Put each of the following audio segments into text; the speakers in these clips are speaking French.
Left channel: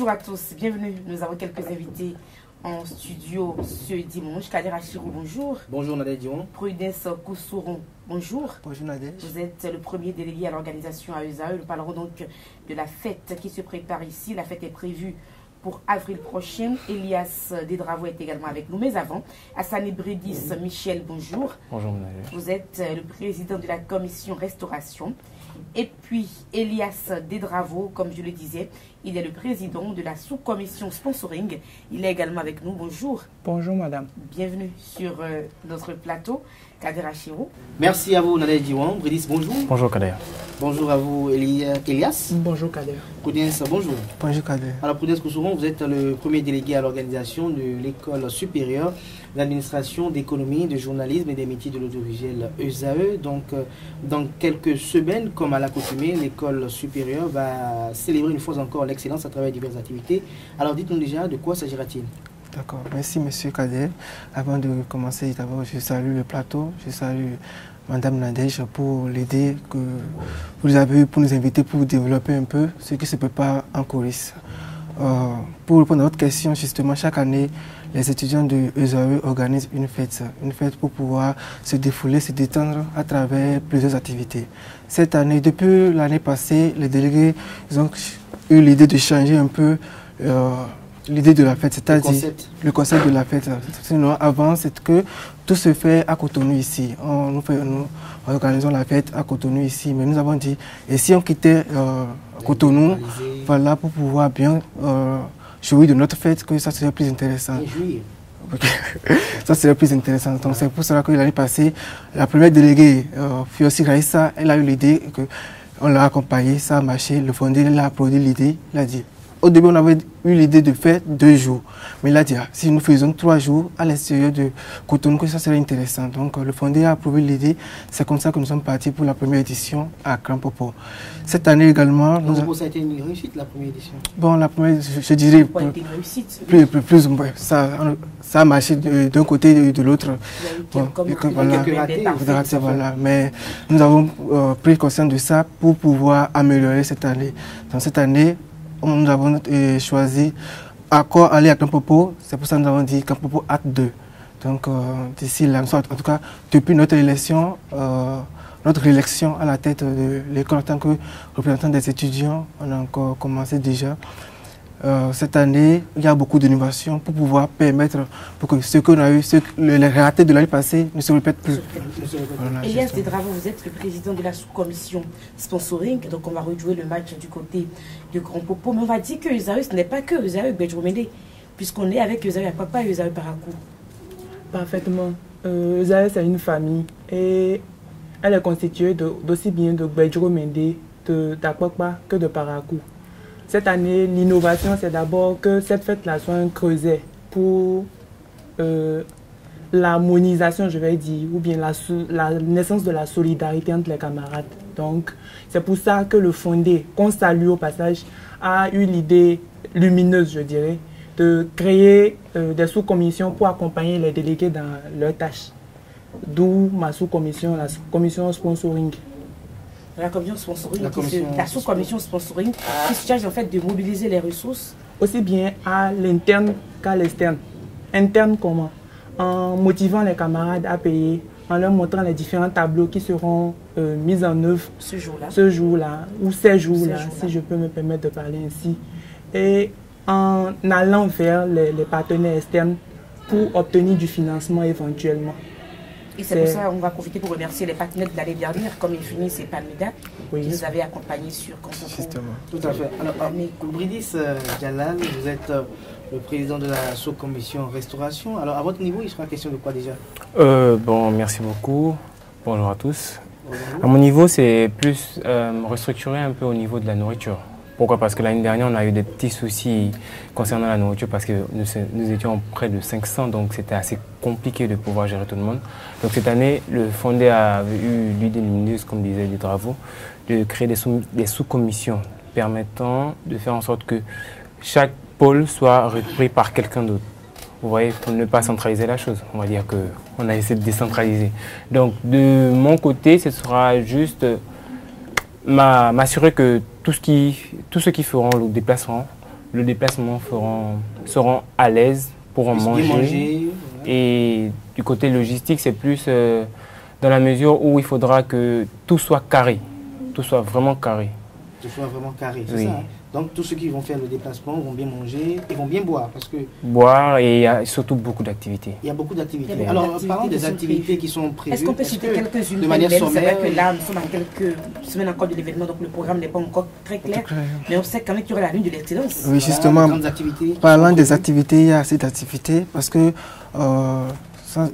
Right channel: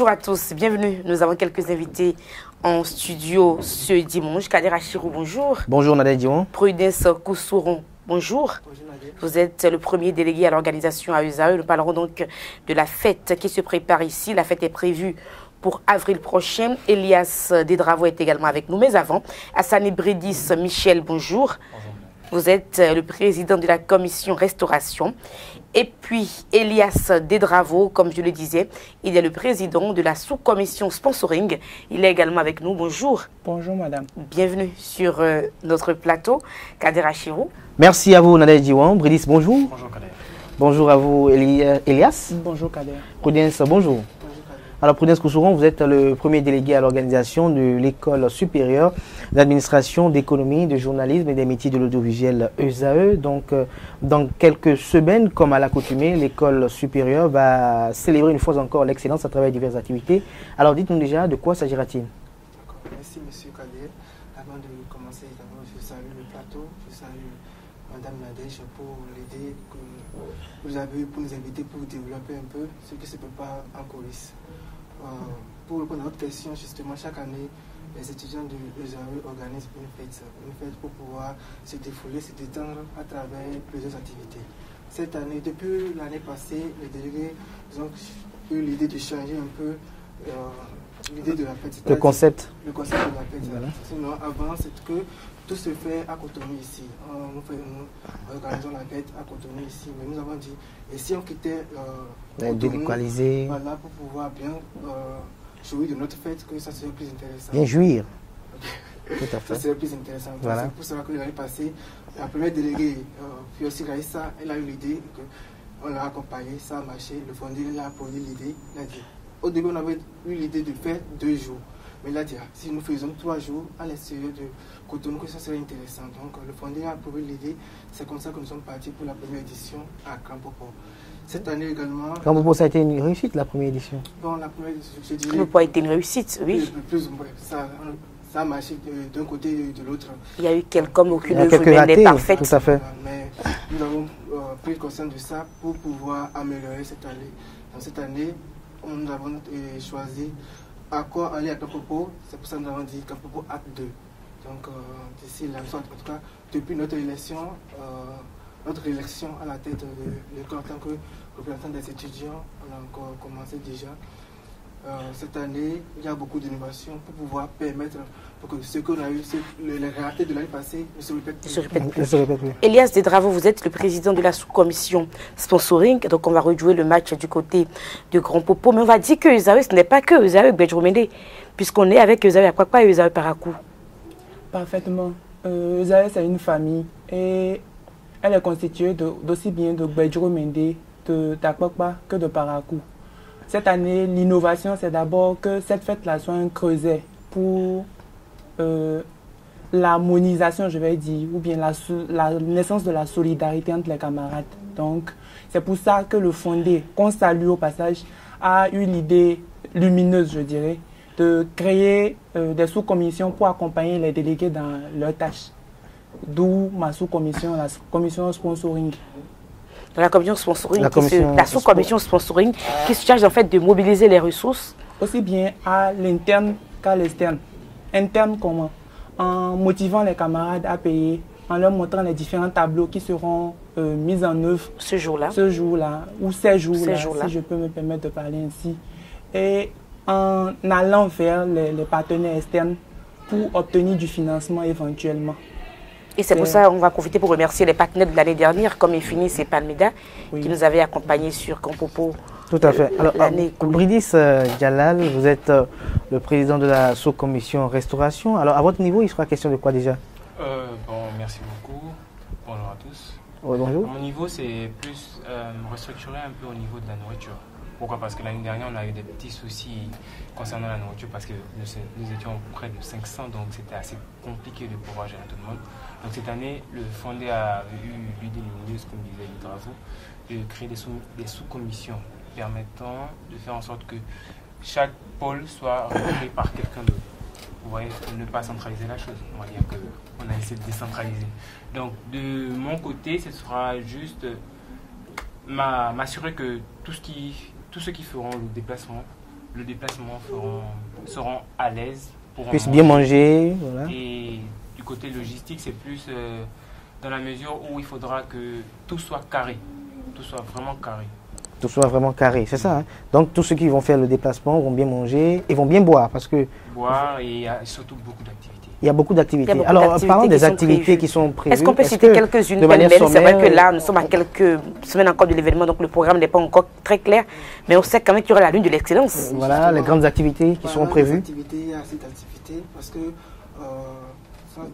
Bonjour à tous, bienvenue. Nous avons quelques invités en studio ce dimanche. Kader Achirou, bonjour. Bonjour Nadège Dion. Prudence Koussouron, bonjour. Bonjour Nadège. Vous êtes le premier délégué à l'organisation à USAE. Nous parlerons donc de la fête qui se prépare ici. La fête est prévue pour avril prochain. Elias Dedravo est également avec nous. Mais avant, Hassani Bredis Michel, bonjour. Bonjour Nadège. Vous êtes le président de la commission restauration. Et puis, Elias Dedravo, comme je le disais, il est le président de la sous-commission sponsoring. Il est également avec nous. Bonjour. Bonjour madame. Bienvenue sur notre plateau. Kader Achirou. Merci à vous Nadège Dion. Bredis, bonjour. Bonjour Kader. Bonjour à vous Elias. Bonjour Kader. Prudence, bonjour. Bonjour Kader. Alors Prudence Koussouron, vous êtes le premier délégué à l'organisation de l'école supérieure d'administration, d'économie, de journalisme et des métiers de l'audiovisuel USAE. Donc dans quelques semaines, comme à l'accoutumée, l'école supérieure va célébrer une fois encore l'excellence à travers diverses activités. Alors dites-nous déjà de quoi s'agira-t-il? D'accord, merci monsieur Kader. Avant de commencer, d'abord je salue le plateau, je salue Madame Nadège pour l'idée que vous avez eu pour nous inviter pour développer un peu ce qui se prépare en coulisses. Pour répondre à votre question, justement, chaque année, les étudiants de USAE organisent une fête pour pouvoir se défouler, se détendre à travers plusieurs activités. Cette année, depuis l'année passée, les délégués ils ont eu l'idée de changer un peu l'idée de la fête, c'est-à-dire le concept de la fête. Sinon, avant, c'est que tout se fait à Cotonou ici. Nous organisons la fête à Cotonou ici, mais nous avons dit, et si on quittait Cotonou, voilà, pour pouvoir bien jouir de notre fête, que ça serait plus intéressant. Et jouir. Ça serait plus intéressant. Donc c'est pour cela que l'année passée, la première déléguée, Fiossi Raissa, elle a eu l'idée, on l'a accompagnée, ça a marché, le fondé, il a applaudi l'idée, il a dit. Au début, on avait eu l'idée de faire 2 jours. Mais il a dit, si nous faisons 3 jours à l'extérieur de Cotonou, ça serait intéressant. Donc, le fondé a approuvé l'idée. C'est comme ça que nous sommes partis pour la première édition à Crampopo. Cette année également... Donc, ça a été une réussite, la première édition? Bon, la première, je dirais... Ça a été une réussite, oui. Plus ça a marché d'un côté et de l'autre. Il y a eu quelques ratés, mais nous avons pris conscience de ça pour pouvoir améliorer cette année. Dans cette année, nous avons choisi encore aller à Crampopo, c'est pour ça que nous avons dit Crampopo Acte 2. Donc d'ici là, en tout cas, depuis notre élection à la tête de l'école en tant que représentant des étudiants, on a encore commencé déjà. Cette année, il y a beaucoup d'innovations pour pouvoir permettre pour que ce qu'on a eu, les ratés de l'année passée ne se répètent plus. Elias Dedravo, vous êtes le président de la sous-commission sponsoring, donc on va rejouer le match du côté de Grand Popo, mais on va dire que USAE, ce n'est pas que USAE Bedjoumende, puisqu'on est avec USAE à Pakpa et USAE Parakou. Parfaitement. USAE, c'est une famille et elle est constituée d'aussi bien de Bedjoumende, de Takpakpa que de Parakou. Cette année, l'innovation, c'est d'abord que cette fête-là soit un creuset pour l'harmonisation, je vais dire, ou bien la naissance de la solidarité entre les camarades. Donc, c'est pour ça que le fondé, qu'on salue au passage, a eu l'idée lumineuse, je dirais, de créer des sous-commissions pour accompagner les délégués dans leurs tâches. D'où ma sous-commission, la commission sponsoring. La commission sponsoring, la sous-commission sponsoring qui se charge en fait de mobiliser les ressources. Aussi bien à l'interne qu'à l'externe. Interne comment? En motivant les camarades à payer, en leur montrant les différents tableaux qui seront mis en œuvre ce jour-là, ou ces jours-là, si je peux me permettre de parler ainsi. Et en allant vers les partenaires externes pour obtenir du financement éventuellement. Et c'est pour ça qu'on va profiter pour remercier les partenaires de l'année dernière, comme Infinis et Palmeda, qui nous avaient accompagnés sur Campopo. Tout à fait. Alors, Bredis Jalal, vous êtes le président de la sous-commission restauration. Alors, à votre niveau, il sera question de quoi déjà? Bon, merci beaucoup. Bonjour à tous. Bonjour. À mon niveau, c'est plus restructuré un peu au niveau de la nourriture. Pourquoi? Parce que l'année dernière, on a eu des petits soucis concernant la nourriture parce que nous étions près de 500, donc c'était assez compliqué de pouvoir gérer tout le monde. Donc cette année, le fondé a eu l'idée lumineuse, comme disait Dedravo, de créer des sous-commissions permettant de faire en sorte que chaque pôle soit repris par quelqu'un d'autre. Vous voyez, pour ne pas centraliser la chose. On va dire qu'on a essayé de décentraliser. Donc de mon côté, ce sera juste m'assurer que tous ceux qui feront le déplacement le déplacement seront à l'aise pour manger. Bien manger. Voilà. Et du côté logistique, c'est plus dans la mesure où il faudra que tout soit carré, tout soit vraiment carré. Tout soit vraiment carré, c'est Oui. ça. Hein? Donc tous ceux qui vont faire le déplacement vont bien manger et vont bien boire parce que Boire et il y a surtout beaucoup d'activités. il y a beaucoup d'activités. Il y a beaucoup Alors d'activités parlons qui des sont activités prévues. qui sont prévues. Est-ce qu'on peut citer quelques-unes de manière C'est vrai sommaire, que là, nous sommes à quelques semaines encore de l'événement, donc le programme n'est pas encore très clair. Mais on sait quand même qu'il y aura la lune de l'excellence. Oui, voilà, justement, les grandes activités. Qui Parlant sont des prévues. activités, il y a assez d'activités parce que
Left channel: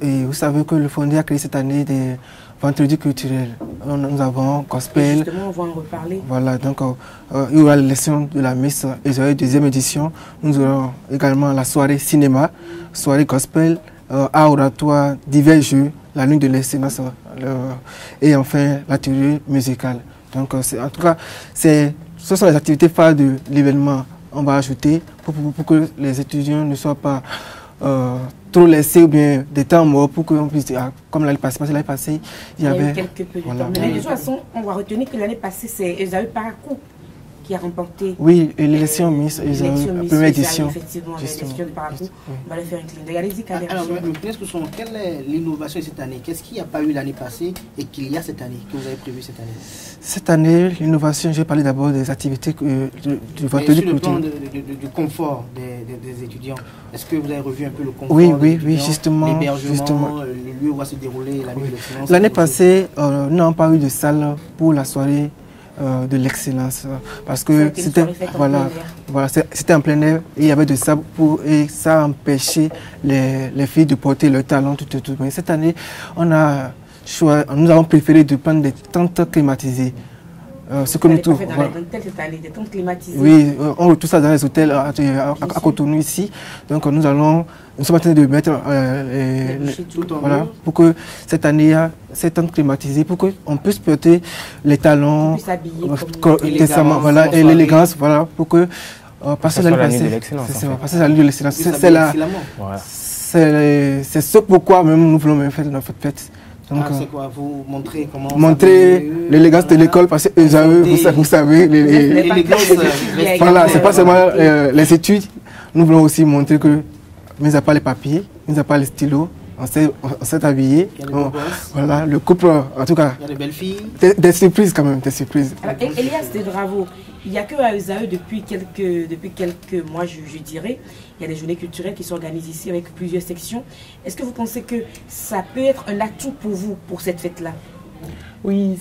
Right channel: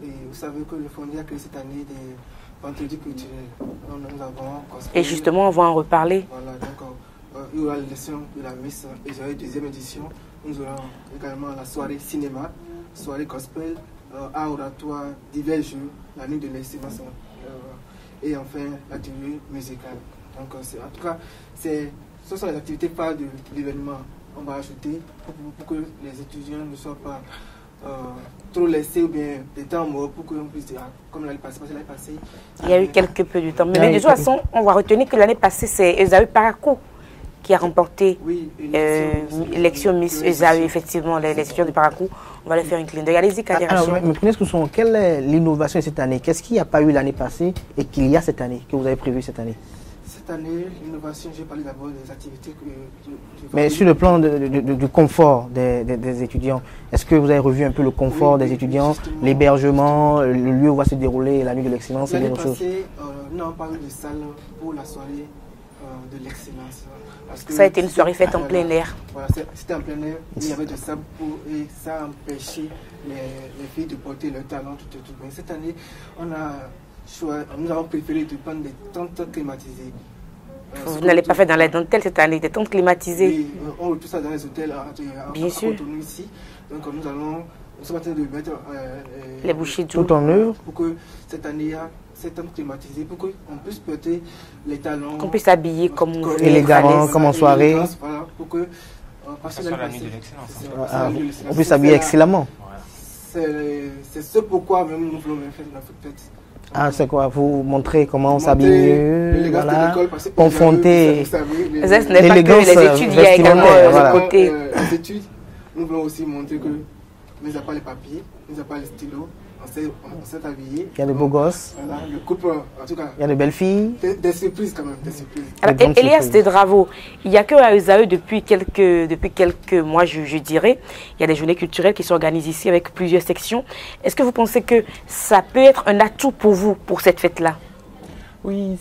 et vous savez que le Fondé a créé cette année des vendredis culturels. Nous avons Et gospel. justement, on va en reparler. Voilà, donc il y aura la leçon de la messe et deuxième édition. Nous aurons également la soirée cinéma, soirée gospel, art oratoire, divers jeux, la nuit de l'excellence et enfin l'atelier musical. Donc en tout cas, ce sont les activités phares de l'événement. On va ajouter pour que les étudiants ne soient pas trop laissés ou bien des temps morts pour qu'on puisse, comme l'année passée, Il y a eu quelque peu de voilà. temps. Mais de toute façon, on va retenir que l'année passée, c'est Esaü Parakou qui a remporté oui, l'élection Miss Esaü, effectivement, l'élection de Parakou. On va le faire une clin d'œil. Allez-y, Kader. Alors, quelle est l'innovation de cette année? Qu'est-ce qu'il n'y a pas eu l'année passée et qu'il y a cette année, que vous avez prévu cette année? Cette année, l'innovation, je vais parler d'abord des activités du Mais sur le plan du confort des étudiants, est-ce que vous avez revu un peu le confort des étudiants, justement, l'hébergement, le lieu où va se dérouler la nuit de l'excellence? L'année passée, nous n'avons pas eu de salle pour la soirée de l'excellence. Parce que ça a été une soirée faite en plein air. Voilà, c'était en plein air et il y avait de ça et ça a empêché les filles de porter leur talent tout. Mais cette année, nous avons préféré de prendre des tentes climatisées. Vous n'allez pas faire dans la dentelle cette année, des tentes climatisées? Oui, on retrouve ça dans les hôtels à Cotonou ici. Donc nous sommes en train de mettre les bougies tout en haut pour que cette année, cette tente climatisée, pour qu'on puisse porter les talons. Qu'on puisse s'habiller comme l'élégance, voilà, pour que passer l'année passée. Passer la nuit de l'excellence. On puisse s'habiller excellemment. C'est ce pourquoi même nous voulons même faire notre fête. C'est quoi? Vous montrer comment montrer l'élégance de l'école parce que vous savez, l'élégance, voilà, c'est pas seulement les études. Nous voulons aussi montrer que, mis à part les papiers, mis à part les stylos, on s'est habillé. Il y a des beaux gosses. Voilà, le couple, en tout cas. Il y a de belles filles. Des surprises quand même, des surprises. Alors, Elias Dedravo, il n'y a qu'à Esaü depuis quelques mois, je dirais. Il y a des journées culturelles qui s'organisent ici avec plusieurs sections. Est-ce que vous pensez que ça peut être un atout pour vous, pour cette fête-là? Oui,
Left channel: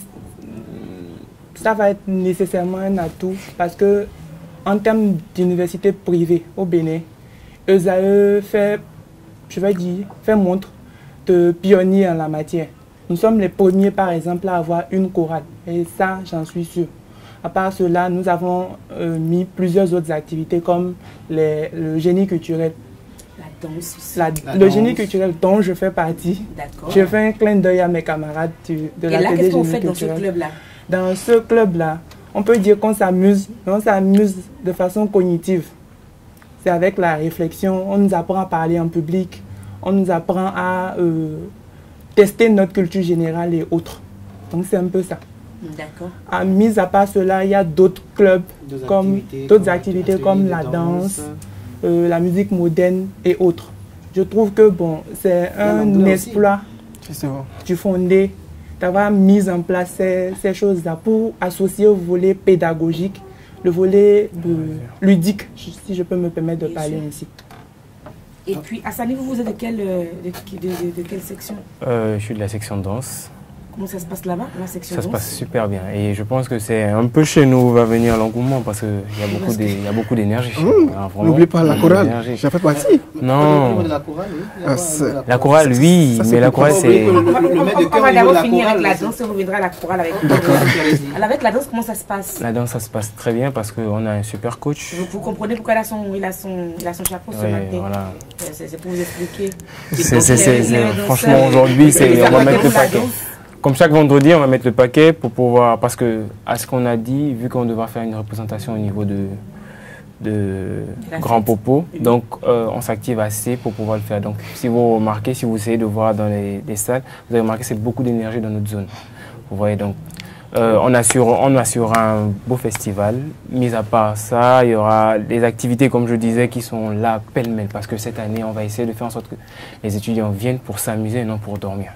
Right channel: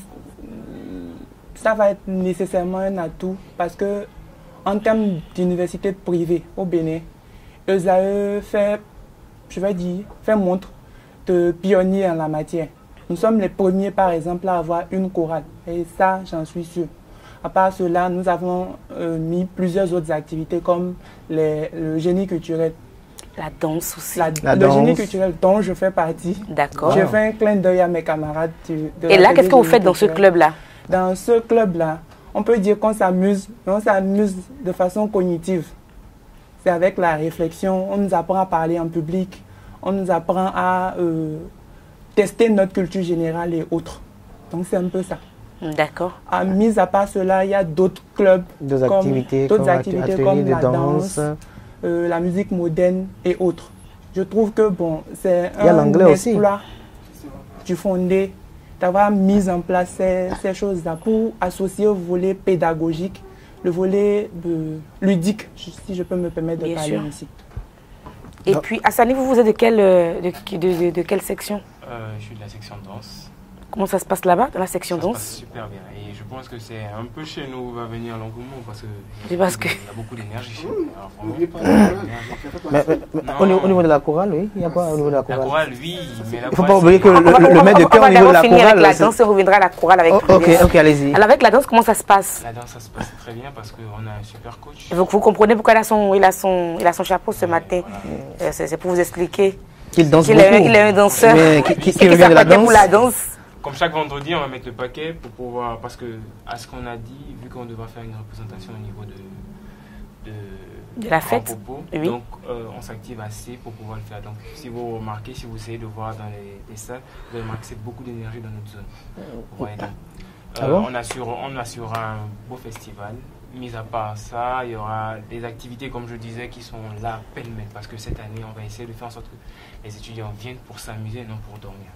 ça va être nécessairement un atout parce que en termes d'université privée au Bénin, Esaü fait montre de pionnier en la matière. Nous sommes les premiers, par exemple, à avoir une chorale. Et ça, j'en suis sûr. À part cela, nous avons mis plusieurs autres activités comme le génie culturel. La danse aussi. Le génie culturel dont je fais partie. D'accord. Je fais un clin d'œil à mes camarades de la. Et là, qu'est-ce que vous faites dans ce club-là? Dans ce club-là, on peut dire qu'on s'amuse, mais on s'amuse de façon cognitive. C'est avec la réflexion, on nous apprend à parler en public, on nous apprend à tester notre culture générale et autres. Donc c'est un peu ça. D'accord. Mis à part cela, il y a d'autres clubs, d'autres activités comme la danse, la musique moderne et autres. Je trouve que bon, c'est un exploit du Fondé d'avoir mis en place ces choses-là pour associer au volet pédagogique le volet ludique, si je peux me permettre de parler ici. Et puis, Hassani, vous êtes de quelle section? Je suis de la section danse. Comment ça se passe là-bas, dans la section danse? Ça se passe super bien. Et je pense que c'est un peu chez nous où va venir l'engouement parce qu'il y a beaucoup d'énergie. N'oublie pas la chorale. Ça fait partie. Non. Au niveau de la chorale, oui. La chorale, oui. Mais la chorale, c'est... Le maître de cœur au niveau de la chorale. Avec la danse, on reviendra à la chorale avec vous. Ok, allez-y. Alors, avec la danse, comment ça se passe? La danse, ça se passe très bien parce qu'on a un super coach. Donc, vous comprenez pourquoi il a son chapeau ce matin. Voilà. C'est pour vous expliquer. Il est un danseur. Vous la danse. Comme chaque vendredi, on va mettre le paquet pour pouvoir, parce que à ce qu'on a dit, vu qu'on devra faire une représentation au niveau de Grand Popo, oui. Donc on s'active assez pour pouvoir le faire. Donc si vous remarquez, si vous essayez de voir dans les salles, vous allez remarquer que c'est beaucoup d'énergie dans notre zone. Vous voyez, donc On assurera un beau festival. Mis à part ça, il y aura des activités, comme je disais, qui sont là pêle-mêle. Parce que cette année, on va essayer de faire en sorte que les étudiants viennent pour s'amuser et non pour dormir.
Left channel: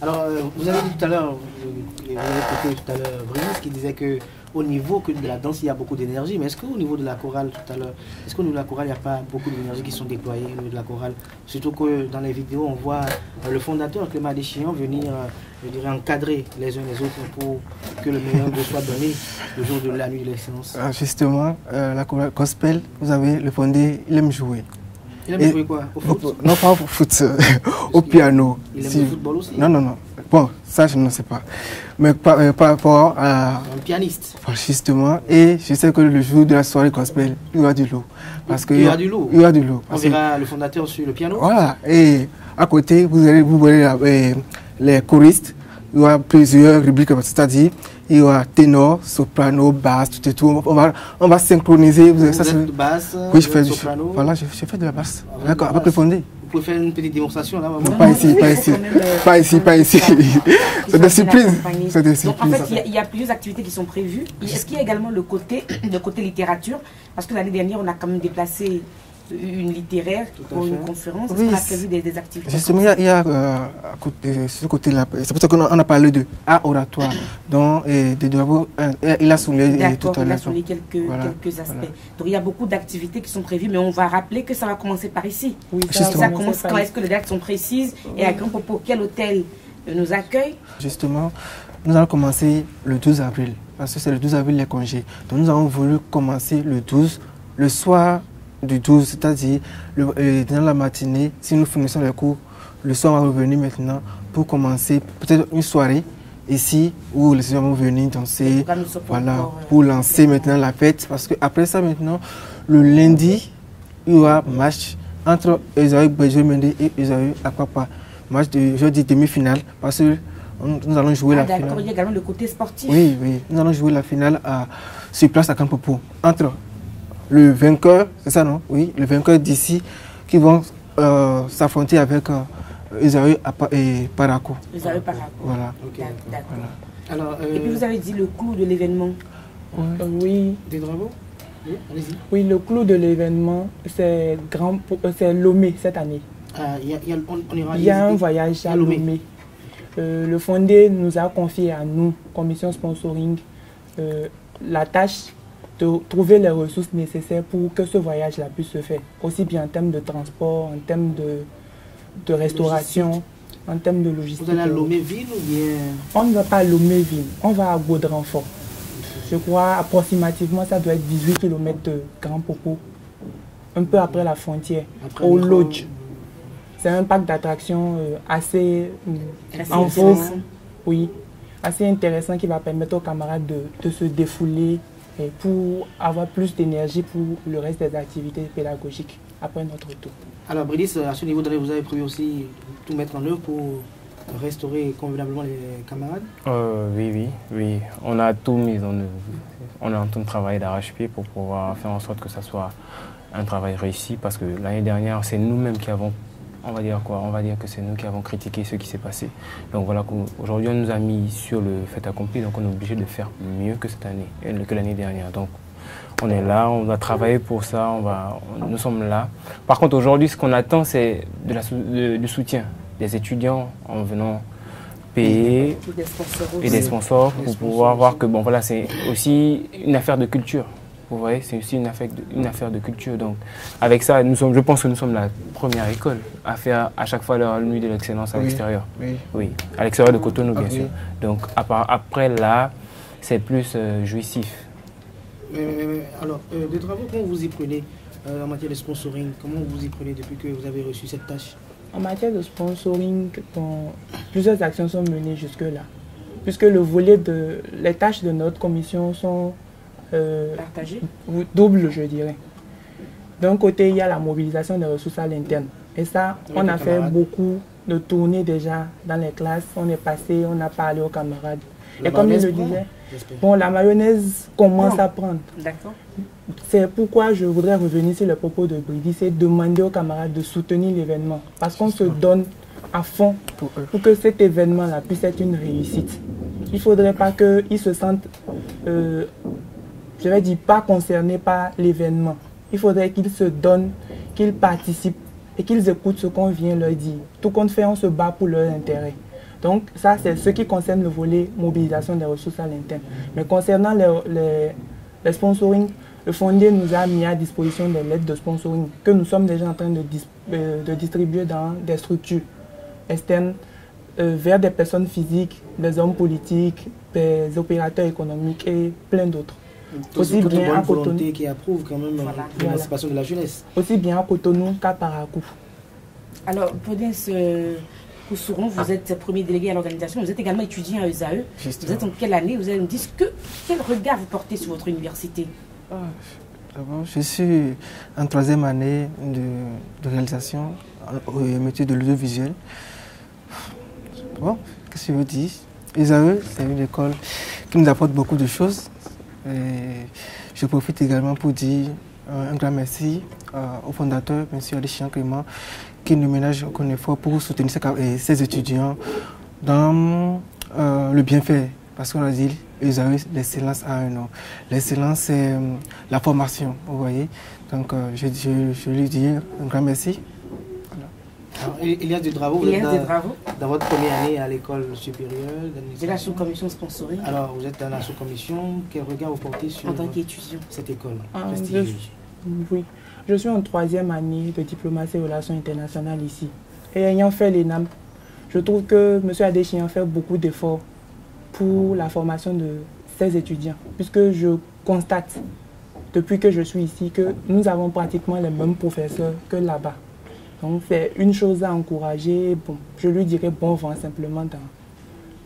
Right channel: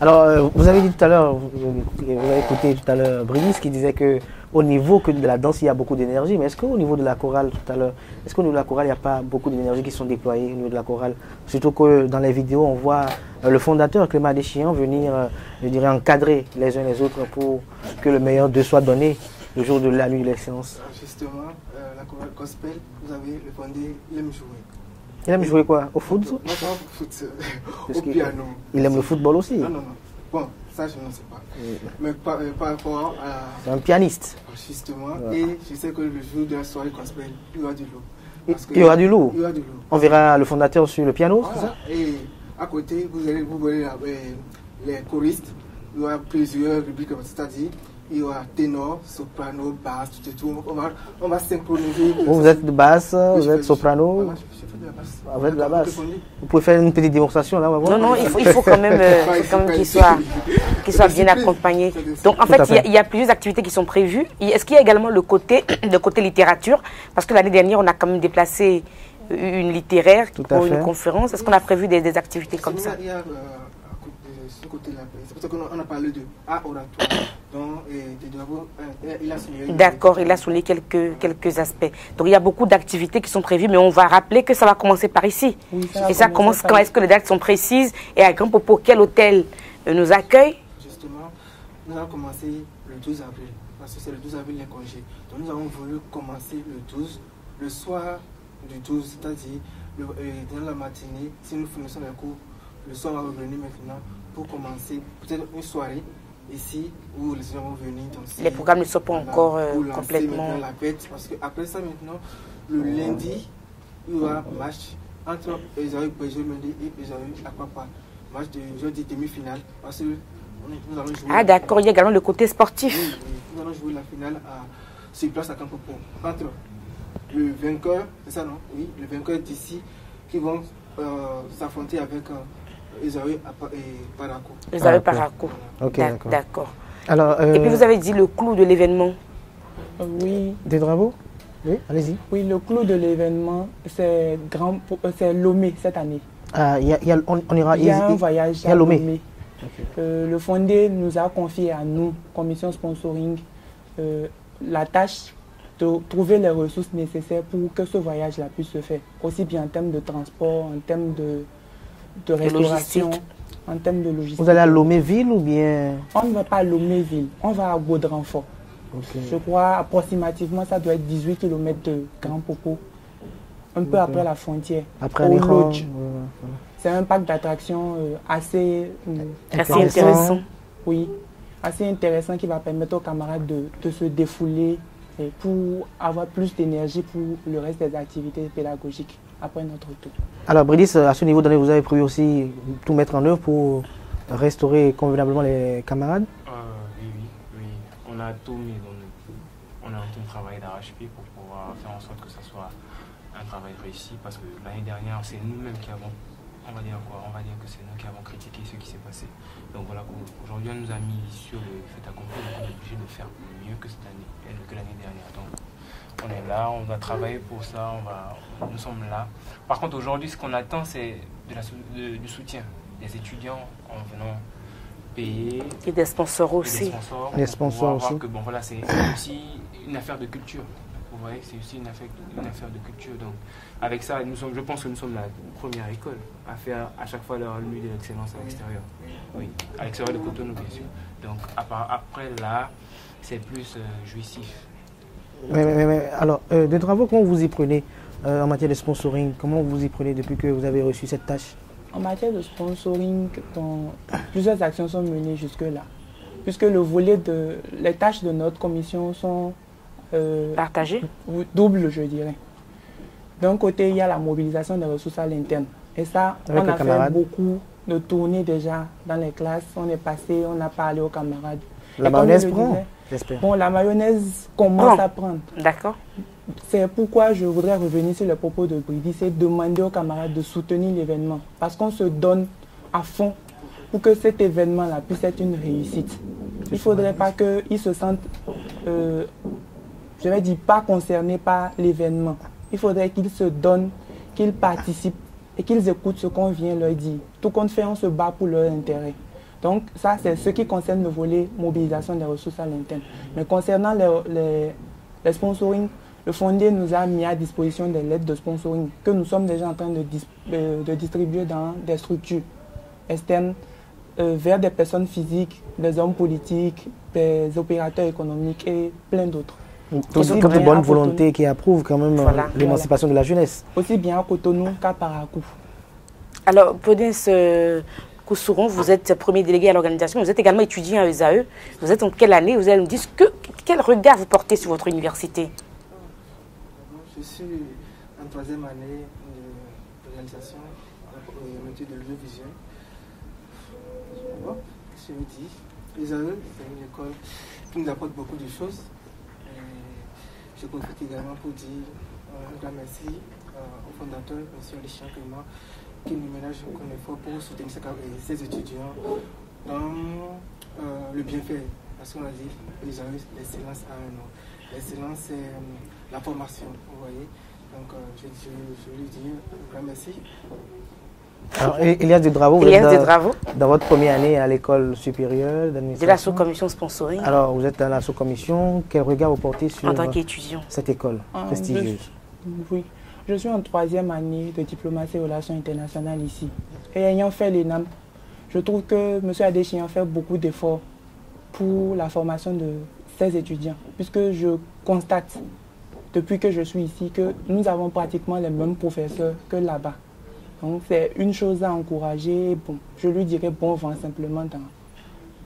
Alors, vous avez dit tout à l'heure, vous avez écouté tout à l'heure Brice qui disait qu'au niveau de la danse, il y a beaucoup d'énergie. Mais est-ce qu'au niveau de la chorale, tout à l'heure, est-ce qu'au niveau de la chorale, il n'y a pas beaucoup d'énergie qui sont déployées au niveau de la chorale? Surtout que dans les vidéos, on voit le fondateur, Clément Adéchian, venir, je dirais, encadrer les uns les autres pour que le meilleur d'eux soit donné le jour de la nuit de l'excellence. Justement, la chorale gospel, vous avez le fondé, il aime jouer. Il aime jouer quoi? Au foot? Non, pas au foot, au piano. Il aime le football aussi? Non, non, non. Bon, ça, je ne sais pas. Mais par rapport à... Un pianiste? Justement, et je sais que le jour de la soirée gospel, il y aura du lourd. Il y aura du lourd? Il y aura du lourd. On verra le fondateur sur le piano? Voilà. Et à côté, vous verrez les choristes. Il y aura plusieurs rubriques, c'est-à-dire il y aura ténor, soprano, basse, tout et tout. On va synchroniser. Vous êtes de basse, oui, je fais du soprano. Voilà, je fais de la basse. D'accord, avec le fondé. Vous pouvez faire une petite démonstration là? Non, il faut quand même... Pas ici, pas ici. Qui soit bien accompagné. Donc en fait, il y a plusieurs activités qui sont prévues. Est-ce qu'il y a également le côté littérature? Parce que l'année dernière, on a quand même déplacé une littéraire pour une conférence. Est-ce qu'on a prévu des activités? Justement, il y a ce côté-là. C'est pour ça qu'on a parlé de art oratoire. Donc, il a souligné. D'accord, il a souligné quelques aspects. Donc, il y a beaucoup d'activités qui sont prévues, mais on va rappeler que ça va commencer par ici. Oui, ça commence quand est-ce que les dates sont précises et à Grand Popo, quel hôtel nous accueille? Justement, nous allons commencer le 12 avril, parce que c'est le 12 avril les congés. Donc, nous avons voulu commencer le 12, le soir du 12, c'est-à-dire dans la matinée, si nous finissons les cours, le soir on va revenir maintenant pour commencer peut-être une soirée ici où les étudiants vont venir danser, pour lancer maintenant la fête. Parce qu'après ça maintenant, le lundi, il y aura match entre Esaü Béjoué-Mendé et Esaü Apapa. Match de jeudi demi-finale parce que nous allons jouer la finale. Ah d'accord, il y a également le côté sportif. Oui, oui, nous allons jouer la finale sur place à Campopo entre le vainqueur, c'est ça non? Oui, le vainqueur d'ici qui vont s'affronter avec Esaü et Paraco. Esaü Paraco. Voilà. D'accord. Alors, et puis vous avez dit le clou de l'événement. Oui. Des travaux? Oui, allez-y. Oui, le clou de l'événement, c'est Lomé cette année. Il y a un voyage à Lomé. Le fondé nous a confié à nous, commission sponsoring, la tâche de trouver les ressources nécessaires pour que ce voyage-là puisse se faire, aussi bien en termes de transport, en termes de restauration, en termes de logistique. Vous allez à Lomé-Ville ou bien? On ne va pas à Lomé-Ville, on va à Gaudranfort. Je crois approximativement ça doit être 18 km de Grand Popo, un peu après la frontière, au Lodge. C'est un parc d'attractions assez intéressant. Oui, assez intéressant qui va permettre aux camarades de se défouler et pour avoir plus d'énergie pour le reste des activités pédagogiques après notre tour. Alors Brice, à ce niveau, vous avez prévu aussi tout mettre en œuvre pour restaurer convenablement les camarades? Oui. On a tout mis en œuvre. On est en train de travailler d'arrache-pied pour pouvoir faire en sorte que ça soit un travail réussi parce que l'année dernière, c'est nous-mêmes qui avons, on va dire que c'est nous qui avons critiqué ce qui s'est passé. Donc voilà, aujourd'hui on nous a mis sur le fait accompli, donc on est obligé de faire mieux que cette année, que l'année dernière. Donc on est là, on va travailler pour ça, nous sommes là. Par contre aujourd'hui, ce qu'on attend, c'est du soutien des étudiants en venant payer et des sponsors aussi. Et des sponsors pour pouvoir voir que bon voilà, c'est aussi une affaire de culture. Vous voyez, c'est aussi une affaire de culture. Donc, avec ça, je pense que nous sommes la première école à faire à chaque fois la nuit de l'excellence à l'extérieur. Oui, à l'extérieur de Cotonou, bien sûr. Donc, après là, c'est plus jouissif. Alors, des travaux, comment vous y prenez en matière de sponsoring? Comment vous y prenez depuis que vous avez reçu cette tâche? En matière de sponsoring, plusieurs actions sont menées jusque-là. Puisque les tâches de notre commission sont partagé? Double, je dirais. D'un côté, il y a la mobilisation des ressources à l'interne. Et ça, on a fait beaucoup de tournées déjà dans les classes. On est passé, on a parlé aux camarades. Et comme je le disais, bon, la mayonnaise commence à prendre. D'accord. C'est pourquoi je voudrais revenir sur le propos de Bridi, c'est demander aux camarades de soutenir l'événement. Parce qu'on se donne à fond pour que cet événement-là puisse être une réussite. il ne faudrait pas qu'ils se sentent, je vais dire, pas concernés par l'événement. Il faudrait qu'ils se donnent, qu'ils participent et qu'ils écoutent ce qu'on vient leur dire. Tout compte fait, on se bat pour leur intérêt. Donc ça, c'est ce qui concerne le volet mobilisation des ressources à l'interne. Mais concernant les sponsoring, le Fondé nous a mis à disposition des lettres de sponsoring que nous sommes déjà en train de distribuer dans des structures externes vers des personnes physiques, des hommes politiques, des opérateurs économiques et plein d'autres. Aussi bien bonne volonté qui approuve quand même l'émancipation de la jeunesse. Aussi bien à Cotonou qu'à Parakou. Alors, Prudence Koussouron, vous êtes premier délégué à l'organisation, vous êtes également étudiant à ESAE. Vous êtes en quelle année? Vous allez nous dire quel regard vous portez sur votre université? Je suis en 3e année de réalisation au métier de l'audiovisuel. Bon, qu'est-ce que je veux dire? ESAE, c'est une école qui nous apporte beaucoup de choses. Et je profite également pour dire un grand merci au fondateur, M. Adéchian Clément, qui ne ménage aucun effort pour soutenir ses étudiants dans le bienfait. Parce qu'on a dit, l'excellence a un nom. L'excellence, c'est la formation, vous voyez. Donc, je lui dis un grand merci. Alors, Elias Dedravo, vous êtes dans votre première année à l'école supérieure d'administration. De la sous-commission sponsoring. Alors, vous êtes dans la sous-commission. Quel regard vous portez sur en tant qu'étudiant cette école prestigieuse? Oui, je suis en 3e année de diplomatie et relations internationales ici. Et ayant fait l'ENAM, je trouve que M. Adéchian fait beaucoup d'efforts pour la formation de ses étudiants, puisque je constate depuis que je suis ici que nous avons pratiquement les mêmes professeurs que là-bas. Donc c'est une chose à encourager. Bon, je lui dirais bon vent simplement dans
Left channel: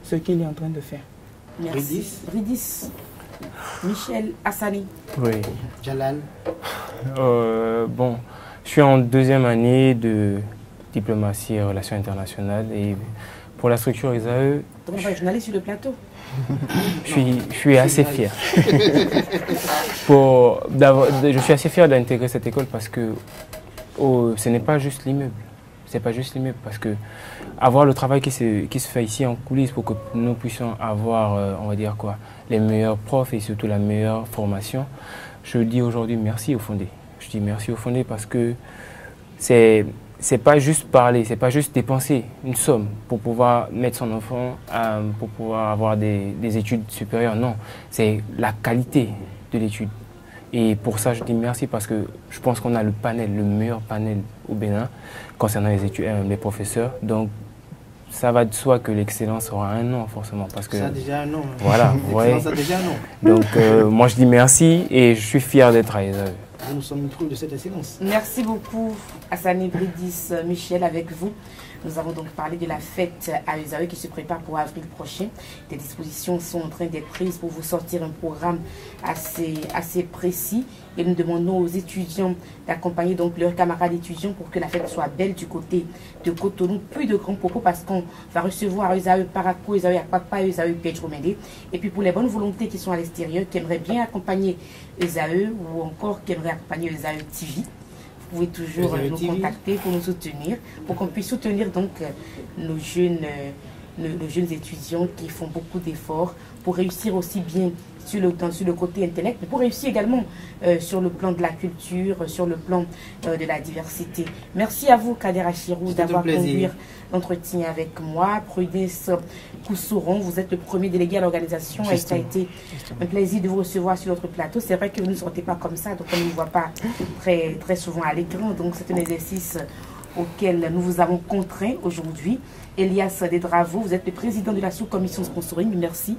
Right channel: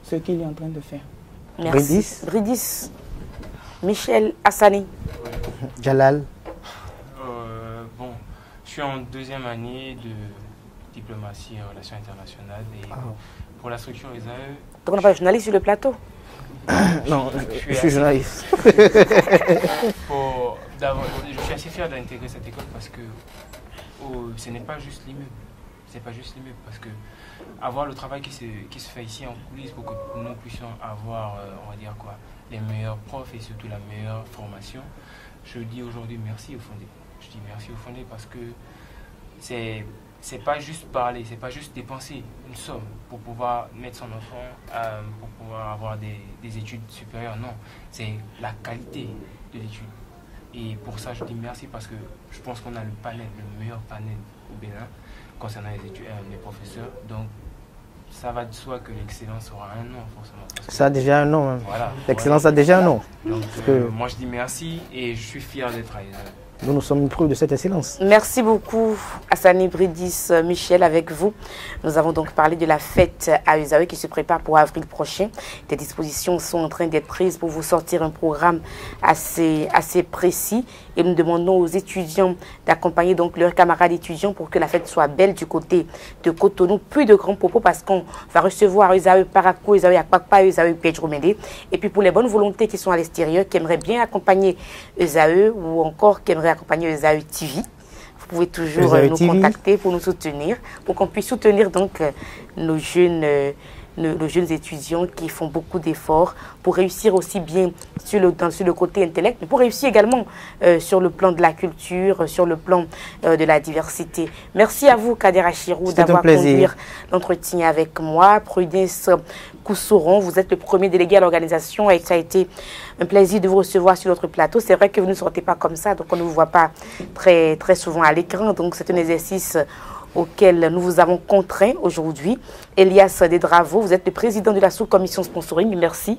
ce qu'il est en train de faire. Merci. Bridis. Michel Hassani. Oui. Jalal. Bon, je suis en 2e année de diplomatie et relations internationales. Et pour la structure ESAE... Donc on n'a pas de journaliste sur le plateau? Je suis assez fier. Je suis assez fier d'intégrer cette école parce que ce n'est pas juste l'immeuble. C'est pas juste l'immeuble parce que avoir le travail qui se fait ici en coulisses pour que nous puissions avoir, on va dire quoi, les meilleurs profs et surtout la meilleure formation, je dis aujourd'hui merci au Fondé. Je dis merci au Fondé parce que c'est pas juste parler, c'est pas juste dépenser une somme pour pouvoir mettre son enfant, pour pouvoir avoir des études supérieures. Non, c'est la qualité de l'étude. Et pour ça, je dis merci parce que je pense qu'on a le meilleur panel au Bénin concernant les professeurs. Donc, ça va de soi que l'excellence aura un nom, forcément. Parce que, ça a déjà un nom. Hein. Voilà. L'excellence a déjà un nom. Donc, moi, je dis merci et je suis fier d'être à ESAE. Nous sommes une preuve de cette excellence. Merci beaucoup, Hassani Bridis, Michel, avec vous. Nous avons donc parlé de la fête à ESAE qui se prépare pour avril prochain. Des dispositions sont en train d'être prises pour vous sortir un programme assez précis. Et nous demandons aux étudiants d'accompagner donc leurs camarades étudiants pour que la fête soit belle du côté de Cotonou. Plus de grands propos parce qu'on va recevoir ESAE Parakou, ESAE Akpakpa, ESAE Pedro Médé. Et puis pour les bonnes volontés qui sont à l'extérieur, qui aimeraient bien accompagner ESAE ou encore qui aimeraient accompagner ESAE TV, vous pouvez toujours nous contacter pour nous soutenir, pour qu'on puisse soutenir donc nos jeunes étudiants qui font beaucoup d'efforts pour réussir aussi bien sur le côté intellect, mais pour réussir également sur le plan de la culture, sur le plan de la diversité. Merci à vous, Kader Achirou, d'avoir conduit l'entretien avec moi. Prudence Koussouron, vous êtes le premier délégué à l'organisation et ça a été un plaisir de vous recevoir sur notre plateau. C'est vrai que vous ne sortez pas comme ça, donc on ne vous voit pas très, très souvent à l'écran, donc c'est un exercice auquel nous vous avons contraint aujourd'hui. Elias Dedravo, vous êtes le président de la sous-commission sponsoring. Merci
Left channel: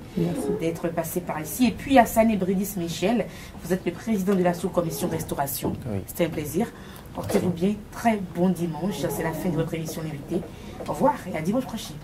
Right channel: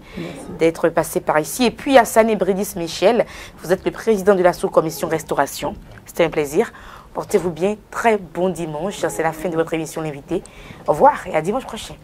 d'être passé par ici. Et puis Hassani Bridis Michel, vous êtes le président de la sous-commission restauration. Oui. C'était un plaisir. Portez-vous bien. Très bon dimanche. C'est la fin de votre émission L'invité. Au revoir et à dimanche prochain.